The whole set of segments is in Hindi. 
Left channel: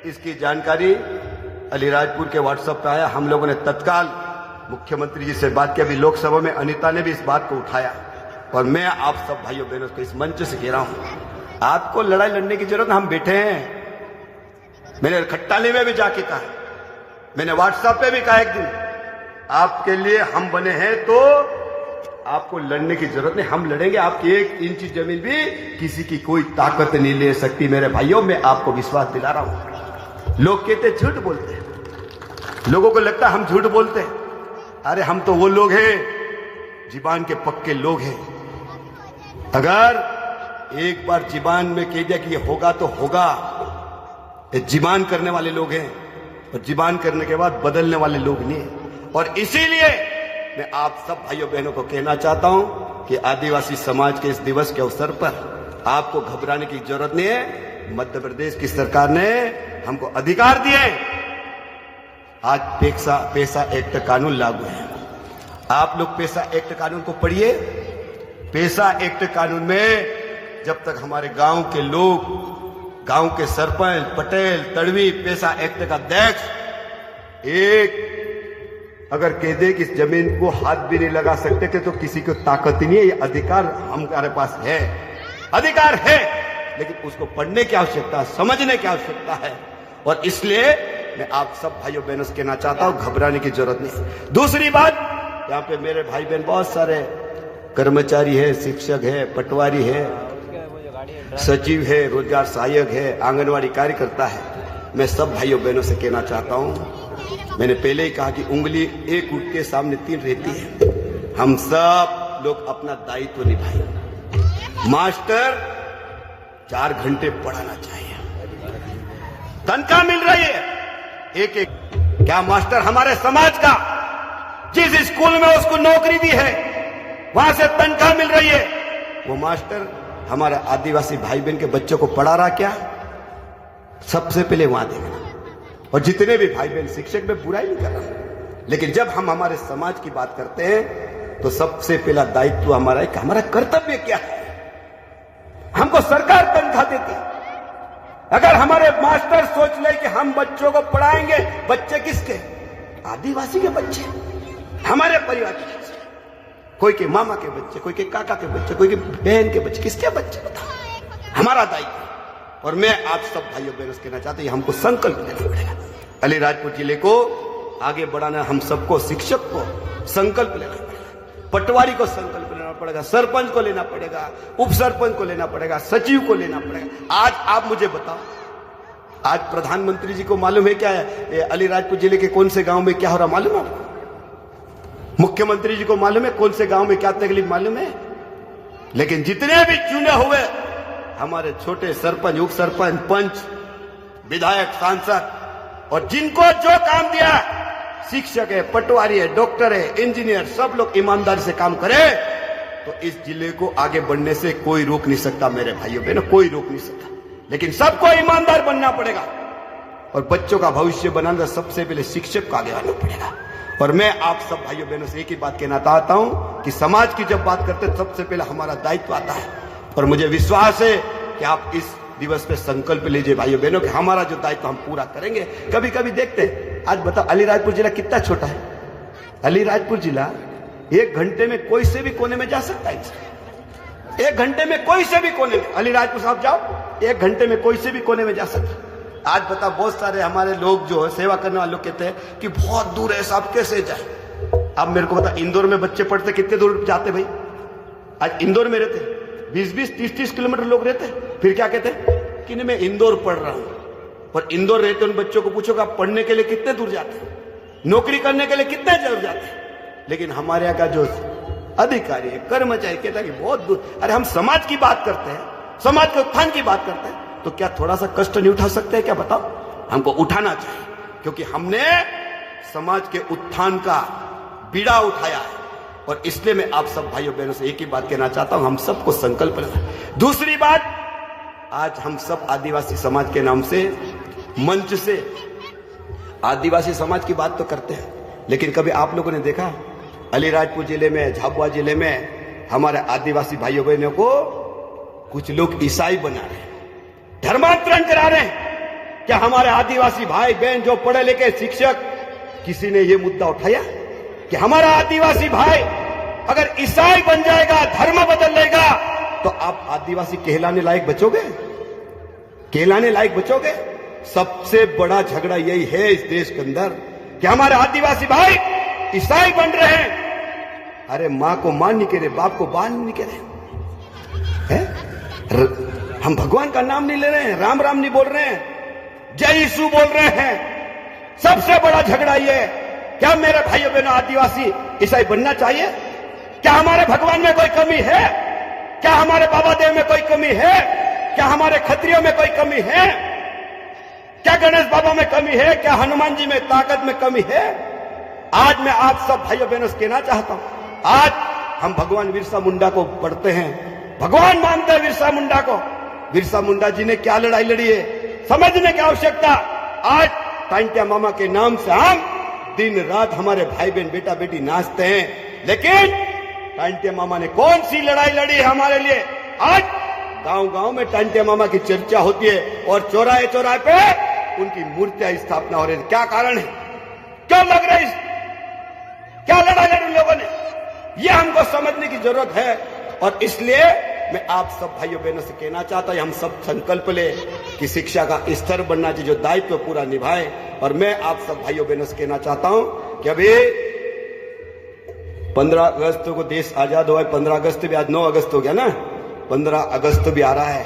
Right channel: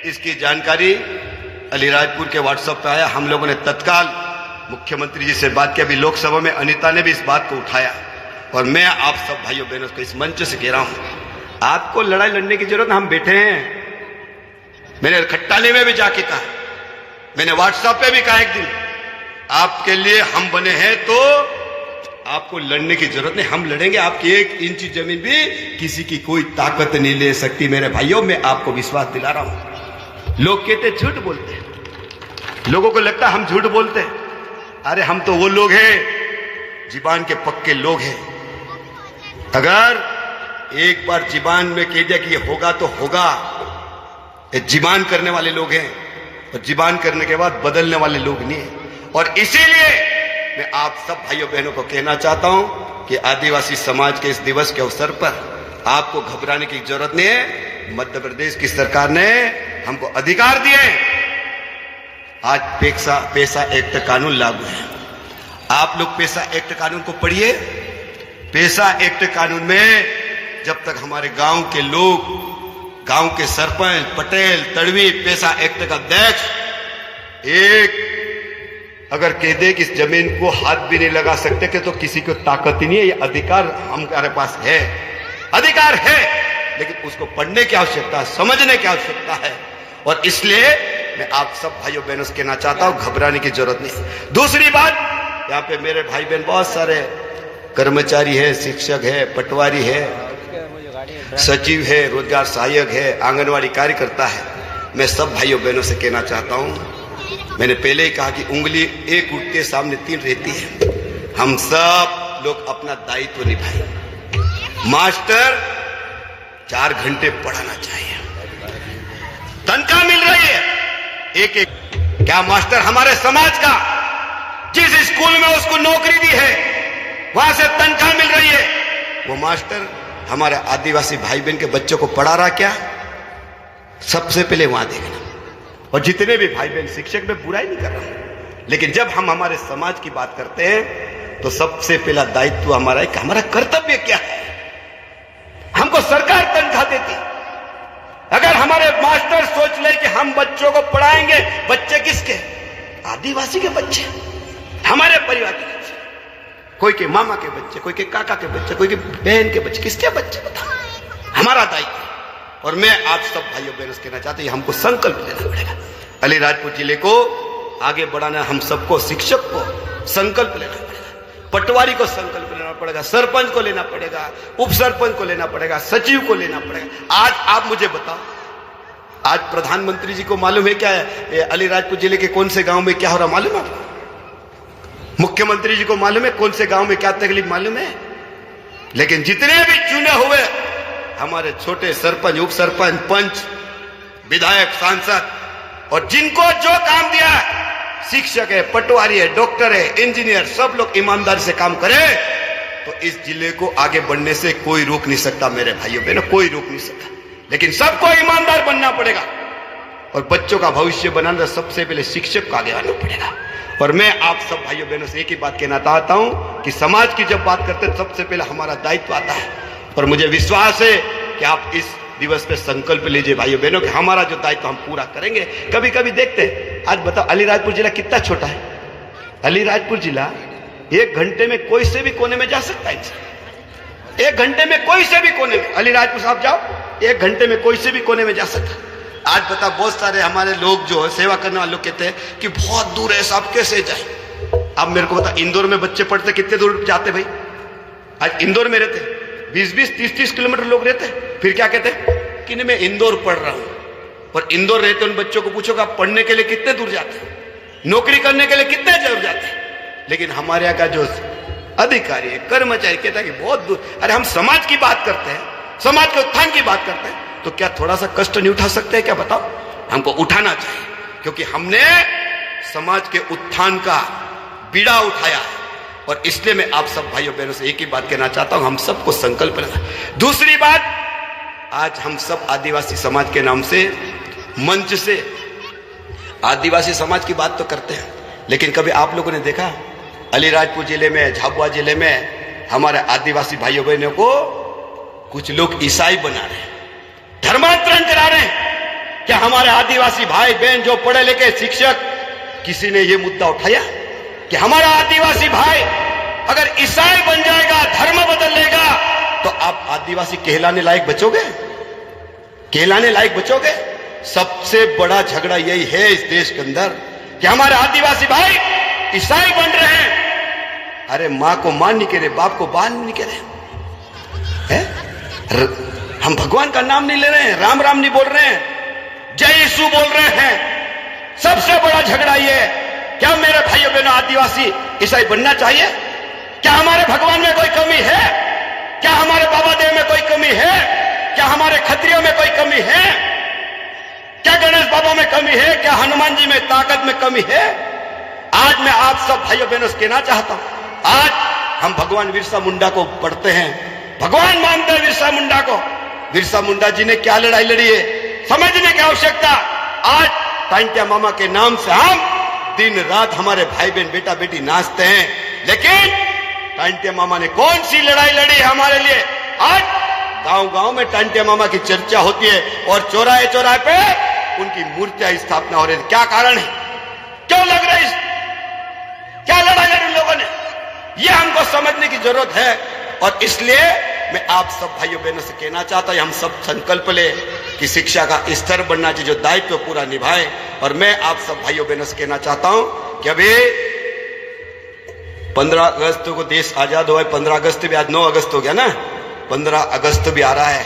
इसकी जानकारी अलीराजपुर के व्हाट्सएप पे आया। हम लोगों ने तत्काल मुख्यमंत्री जी से बात की। अभी लोकसभा में अनीता ने भी इस बात को उठाया और मैं आप सब भाइयों बहनों को इस मंच से कह रहा हूं, आपको लड़ाई लड़ने की जरूरत, हम बैठे हैं। मैंने खट्टाले में भी जाके कहा, मैंने व्हाट्सएप पे भी कहा एक दिन, आपके लिए हम बने हैं तो आपको लड़ने की जरूरत नहीं, हम लड़ेंगे। आपकी 1 इंच जमीन भी किसी की कोई ताकत नहीं ले सकती। मेरे भाइयों, मैं आपको विश्वास दिला रहा हूं। लोग कहते झूठ बोलते हैं, लोगों को लगता है हम झूठ बोलते हैं। अरे हम तो वो लोग हैं, जीबान के पक्के लोग हैं। अगर एक बार जीबान में कह दिया कि ये होगा तो होगा, ये जीबान करने वाले लोग हैं और जीबान करने के बाद बदलने वाले लोग नहीं है। और इसीलिए मैं आप सब भाइयों बहनों को कहना चाहता हूं कि आदिवासी समाज के इस दिवस के अवसर पर आपको घबराने की जरूरत नहीं है। मध्य प्रदेश की सरकार ने हमको अधिकार दिए। आज पैसा एक्ट कानून लागू है। आप लोग पैसा एक्ट कानून को पढ़िए। पैसा एक्ट कानून में जब तक हमारे गांव के लोग, गांव के सरपंच, पटेल, तड़वी, पैसा एक्ट का अध्यक्ष एक अगर कह दे कि इस जमीन को हाथ भी नहीं लगा सकते कि तो किसी को ताकत ही नहीं है। ये अधिकार हमारे पास है, अधिकार है, लेकिन उसको पढ़ने की आवश्यकता है, समझने की आवश्यकता है। और इसलिए मैं आप सब भाइयों बहनों से कहना चाहता हूं, घबराने की जरूरत नहीं। दूसरी बात, यहाँ पे मेरे भाई बहन बहुत सारे कर्मचारी है, शिक्षक है, पटवारी है, सचिव है, रोजगार सहायक है, आंगनवाड़ी कार्यकर्ता है। मैं सब भाइयों बहनों से कहना चाहता हूं, मैंने पहले ही कहा कि उंगली एक उठ के सामने 3 रहती है। हम सब लोग अपना दायित्व निभाएं। मास्टर 4 घंटे पढ़ाना चाहिए, तनख्वाह मिल रही है एक। क्या मास्टर हमारे समाज का जिस स्कूल में उसको नौकरी दी है वहां से तनख्वाह मिल रही है, वो मास्टर हमारे आदिवासी भाई बहन के बच्चों को पढ़ा रहा क्या? सबसे पहले वहां देखना। और जितने भी भाई बहन शिक्षक में बुराई नहीं कर रहे, लेकिन जब हम हमारे समाज की बात करते हैं तो सबसे पहला दायित्व हमारा है कि हमारा कर्तव्य क्या है। हमको सरकार तनख्वाह देती। अगर हमारे मास्टर सोच ले कि हम बच्चों को पढ़ाएंगे, बच्चे किसके? आदिवासी के बच्चे, हमारे परिवार के बच्चे, कोई के मामा के बच्चे, कोई के काका के बच्चे, कोई के बहन के बच्चे, किसके बच्चे? हमारा दायित्व। और मैं आप सब भाइयों बहनों से कहना चाहता हूं, हमको संकल्प लेना पड़ेगा। अलीराजपुर जिले को आगे बढ़ाना, हम सबको, शिक्षक को संकल्प लेना पड़ेगा, पटवारी को संकल्प लेना पड़ेगा, सरपंच को लेना पड़ेगा, उप सरपंच को लेना पड़ेगा, सचिव को लेना पड़ेगा। आज आप मुझे बताओ, आज प्रधानमंत्री जी को मालूम है क्या है अलीराजपुर जिले के कौन से गांव में क्या हो रहा मालूम है आपको? मुख्यमंत्री जी को मालूम है कौन से गांव में क्या तकलीफ मालूम है? लेकिन जितने भी चुने हुए हमारे छोटे सरपंच, उप सरपंच, पंच, विधायक, सांसद, और जिनको जो काम दिया है, शिक्षक है, पटवारी है, डॉक्टर है, इंजीनियर, सब लोग ईमानदारी से काम करें तो इस जिले को आगे बढ़ने से कोई रोक नहीं सकता। मेरे भाइयों बहनों, कोई रोक नहीं सकता। लेकिन सबको ईमानदार बनना पड़ेगा और बच्चों का भविष्य बनाना सबसे पहले शिक्षक को आगे आना पड़ेगा। और मैं आप सब भाइयों बहनों से एक ही बात कहना चाहता हूं कि समाज की जब बात करते हैं सबसे पहले हमारा दायित्व आता है। और मुझे विश्वास है कि आप इस दिवस पे संकल्प लीजिए भाइयों बहनों कि हमारा जो दायित्व हम पूरा करेंगे। कभी कभी देखते हैं, आज बताओ अलीराजपुर जिला कितना छोटा है। अलीराजपुर जिला 1 घंटे में कोई से भी कोने में जा सकता है। 1 घंटे में कोई से भी कोने में, अलीराजपुर साहब जाओ, 1 घंटे में कोई से भी कोने में जा सकता है। आज बता, बहुत सारे हमारे लोग जो है सेवा करने वाले लोग कहते हैं कि बहुत दूर है, साहब कैसे जाए। अब मेरे को बता, इंदौर में बच्चे पढ़ते कितने दूर जाते भाई? आज इंदौर में रहते 20-20, 30-30 किलोमीटर लोग रहते हैं। फिर क्या कहते हैं कि नहीं मैं इंदौर पढ़ रहा हूं। और इंदौर रहते उन बच्चों को पूछो कि आप पढ़ने के लिए कितने दूर जाते हैं, नौकरी करने के लिए कितने दूर जाते हैं। लेकिन हमारे यहाँ का जो अधिकारी है, कर्मचारी कहता है कि बहुत दूर। अरे हम समाज की बात करते हैं, समाज के उत्थान की बात करते हैं, तो क्या थोड़ा सा कष्ट नहीं उठा सकते हैं क्या? बताओ, हमको उठाना चाहिए, क्योंकि हमने समाज के उत्थान का बीड़ा उठाया है। और इसलिए मैं आप सब भाइयों बहनों से एक ही बात कहना चाहता हूं, हम सबको संकल्प लेना। दूसरी बात, आज हम सब आदिवासी समाज के नाम से मंच से आदिवासी समाज की बात तो करते हैं, लेकिन कभी आप लोगों ने देखा अलीराजपुर जिले में, झाबुआ जिले में हमारे आदिवासी भाइयों बहनों को कुछ लोग ईसाई बना रहे हैं, धर्मांतरण करा रहे हैं। कि हमारे आदिवासी भाई बहन जो पढ़े लिखे शिक्षक, किसी ने यह मुद्दा उठाया कि हमारा आदिवासी भाई अगर ईसाई बन जाएगा, धर्म बदल लेगा, तो आप आदिवासी कहलाने लायक बचोगे? कहलाने लायक बचोगे? सबसे बड़ा झगड़ा यही है इस देश के अंदर कि हमारे आदिवासी भाई ईसाई बन रहे हैं। अरे मां को मां नहीं कह रहे, बाप को बाप नहीं कह रहे हैं। हम भगवान का नाम नहीं ले रहे हैं, राम राम नहीं बोल रहे हैं, जय यीशु बोल रहे हैं। सबसे बड़ा झगड़ा यह है, क्या मेरे भाइयों बहनों आदिवासी ईसाई बनना चाहिए? क्या हमारे भगवान में कोई कमी है? क्या हमारे बाबा देव में कोई कमी है? क्या हमारे क्षत्रियों में कोई कमी है? क्या गणेश बाबा में कमी है? क्या हनुमान जी में ताकत में कमी है? आज मैं आप सब भाइयों बहनों से कहना चाहता हूं, आज हम भगवान बिरसा मुंडा को पढ़ते हैं, भगवान मानते हैं बिरसा मुंडा को। बिरसा मुंडा जी ने क्या लड़ाई लड़ी है, समझने की आवश्यकता। आज टांटिया मामा के नाम से हम दिन रात हमारे भाई बहन बेटा बेटी नाचते हैं, लेकिन टांटिया मामा ने कौन सी लड़ाई लड़ी हमारे लिए? आज गांव गांव में टांटिया मामा की चर्चा होती है और चौराहे चौराहे पे उनकी मूर्तियां स्थापना हो रही है। क्या कारण है? क्यों लग रहा है? क्या लड़ाई लड़ी लोगों ने? यह हमको समझने की जरूरत है। और इसलिए मैं आप सब भाइयों बहनों से कहना चाहता हूं, हम सब संकल्प ले कि शिक्षा का स्तर बनना चाहिए, जो दायित्व पूरा निभाए। और मैं आप सब भाइयों बहनों से कहना चाहता हूं कि अभी 15 अगस्त को देश आजाद हुआ है। 15 अगस्त भी, आज 9 अगस्त हो गया ना, 15 अगस्त भी आ रहा है।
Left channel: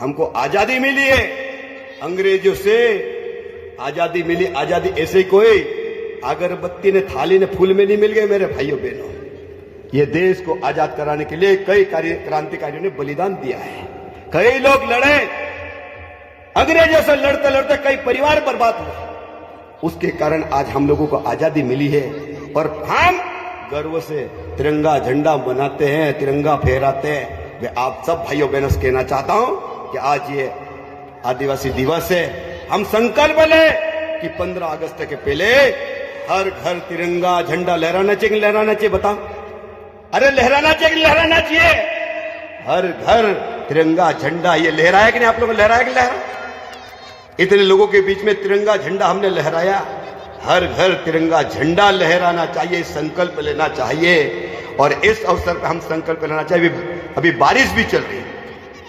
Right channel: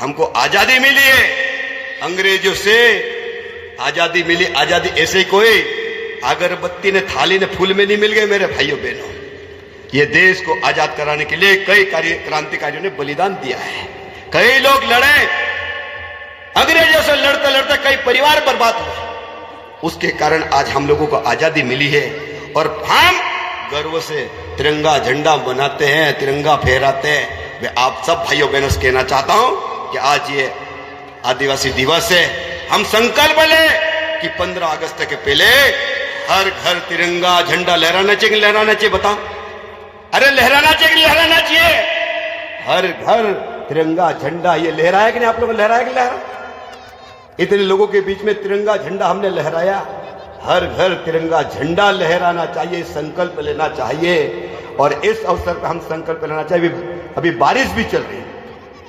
हमको आजादी मिली है, अंग्रेजों से आजादी मिली। आजादी ऐसे ही कोई अगरबत्ती ने थाली ने फूल में नहीं मिल गए मेरे भाइयों बहनों। ये देश को आजाद कराने के लिए कई क्रांतिकारियों ने बलिदान दिया है, कई लोग लड़े, अंग्रेजों से लड़ते लड़ते कई परिवार बर्बाद हुए। उसके कारण आज हम लोगों को आजादी मिली है और हम गर्व से तिरंगा झंडा बनाते हैं, तिरंगा फहराते हैं। मैं आप सब भाइयों बहनों से कहना चाहता हूं कि आज ये आदिवासी दिवस है, हम संकल्प ले कि 15 अगस्त के पहले हर घर तिरंगा झंडा लहराना चाहिए। लहराना चाहिए, बताओ? अरे लहराना चाहिए, लहराना चाहिए। हर घर तिरंगा झंडा ये लहराया कि नहीं? आप लोगों ने लहराया कि लहरा? इतने लोगों के बीच में तिरंगा झंडा हमने लहराया। हर घर तिरंगा झंडा लहराना चाहिए, संकल्प लेना चाहिए। और इस अवसर पर हम संकल्प लेना चाहिए। अभी बारिश भी चल रही है,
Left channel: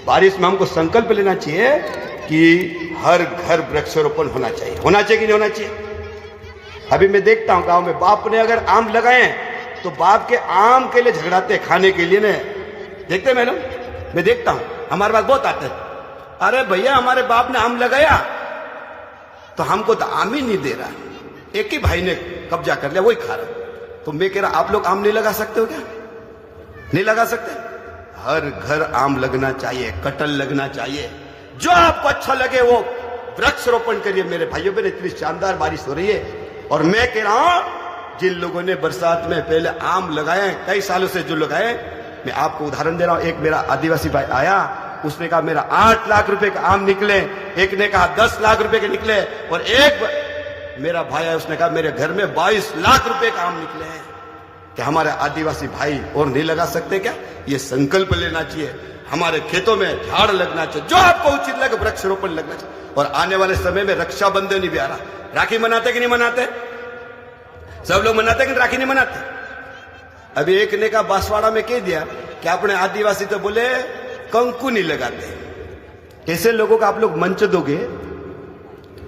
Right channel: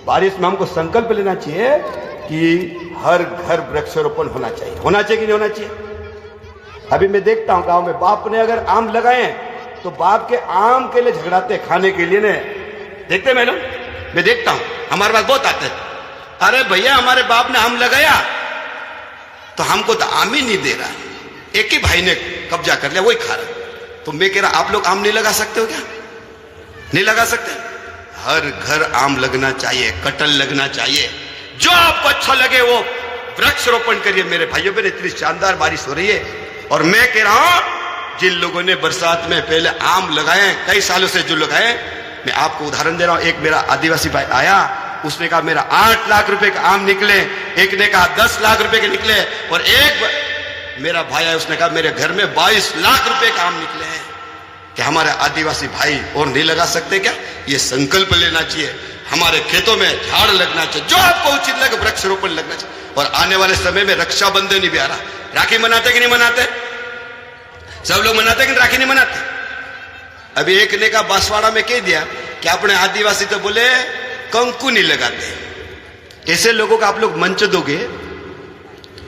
बारिश में हमको संकल्प लेना चाहिए कि हर घर वृक्षारोपण होना चाहिए। होना चाहिए कि नहीं होना चाहिए? अभी मैं देखता हूं गांव में बाप ने अगर आम लगाए तो बाप के आम के लिए झगड़ाते खाने के लिए ने, देखते मैडम, मैं देखता हूं हमारे पास बहुत आते हैं, अरे भैया हमारे बाप ने आम लगाया तो हमको तो आम ही नहीं दे रहा, एक ही भाई ने कब्जा कर लिया, वही खा रहा। तो मैं कह रहा आप लोग आम नहीं लगा सकते हो क्या? नहीं लगा सकते? हर घर आम लगना चाहिए, कटहल लगना चाहिए, जो आपको अच्छा लगे वो वृक्षारोपण करिए मेरे भाइयों बहन। इतनी शानदार बारिश हो रही है और मैं कह रहा हूं जिन लोगों ने बरसात में पहले आम लगाए, कई सालों से जो लगाए, मैं आपको उदाहरण दे रहा हूं। एक मेरा आदिवासी भाई आया, उसने कहा मेरा 8 लाख रुपए का आम निकले, एक ने कहा 10 लाख रुपए के निकले, और एक मेरा भाई है उसने कहा मेरे घर में 22 लाख रुपए का आम निकले हैं। कि हमारे आदिवासी भाई और नहीं लगा सकते क्या? ये संकल्प लेना चाहिए। हमारे खेतों में झाड़ लगना चाहिए, जो आपको उचित लगे वृक्षारोपण लगना चाहिए। और आने वाले समय में रक्षाबंधन भी आ रहा, राखी मनाते कि नहीं मनाते? सब लोग मनाते कि राखी नहीं मनाते? अभी एक ने कहा बांसवाड़ा में कह दिया कि अपने आदिवासी तो बोले कंकु नहीं लगाते। ऐसे लोगों का आप लोग मंच दोगे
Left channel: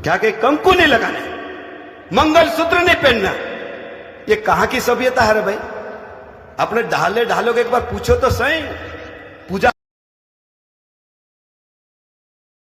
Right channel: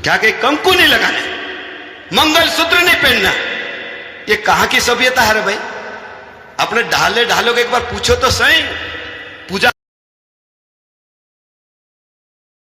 क्या? कि कंकु नहीं लगाना, मंगलसूत्र नहीं पहनना, ये कहां की सभ्यता है रे भाई? अपने ढाले ढालों को एक बार पूछो तो सही। पूजा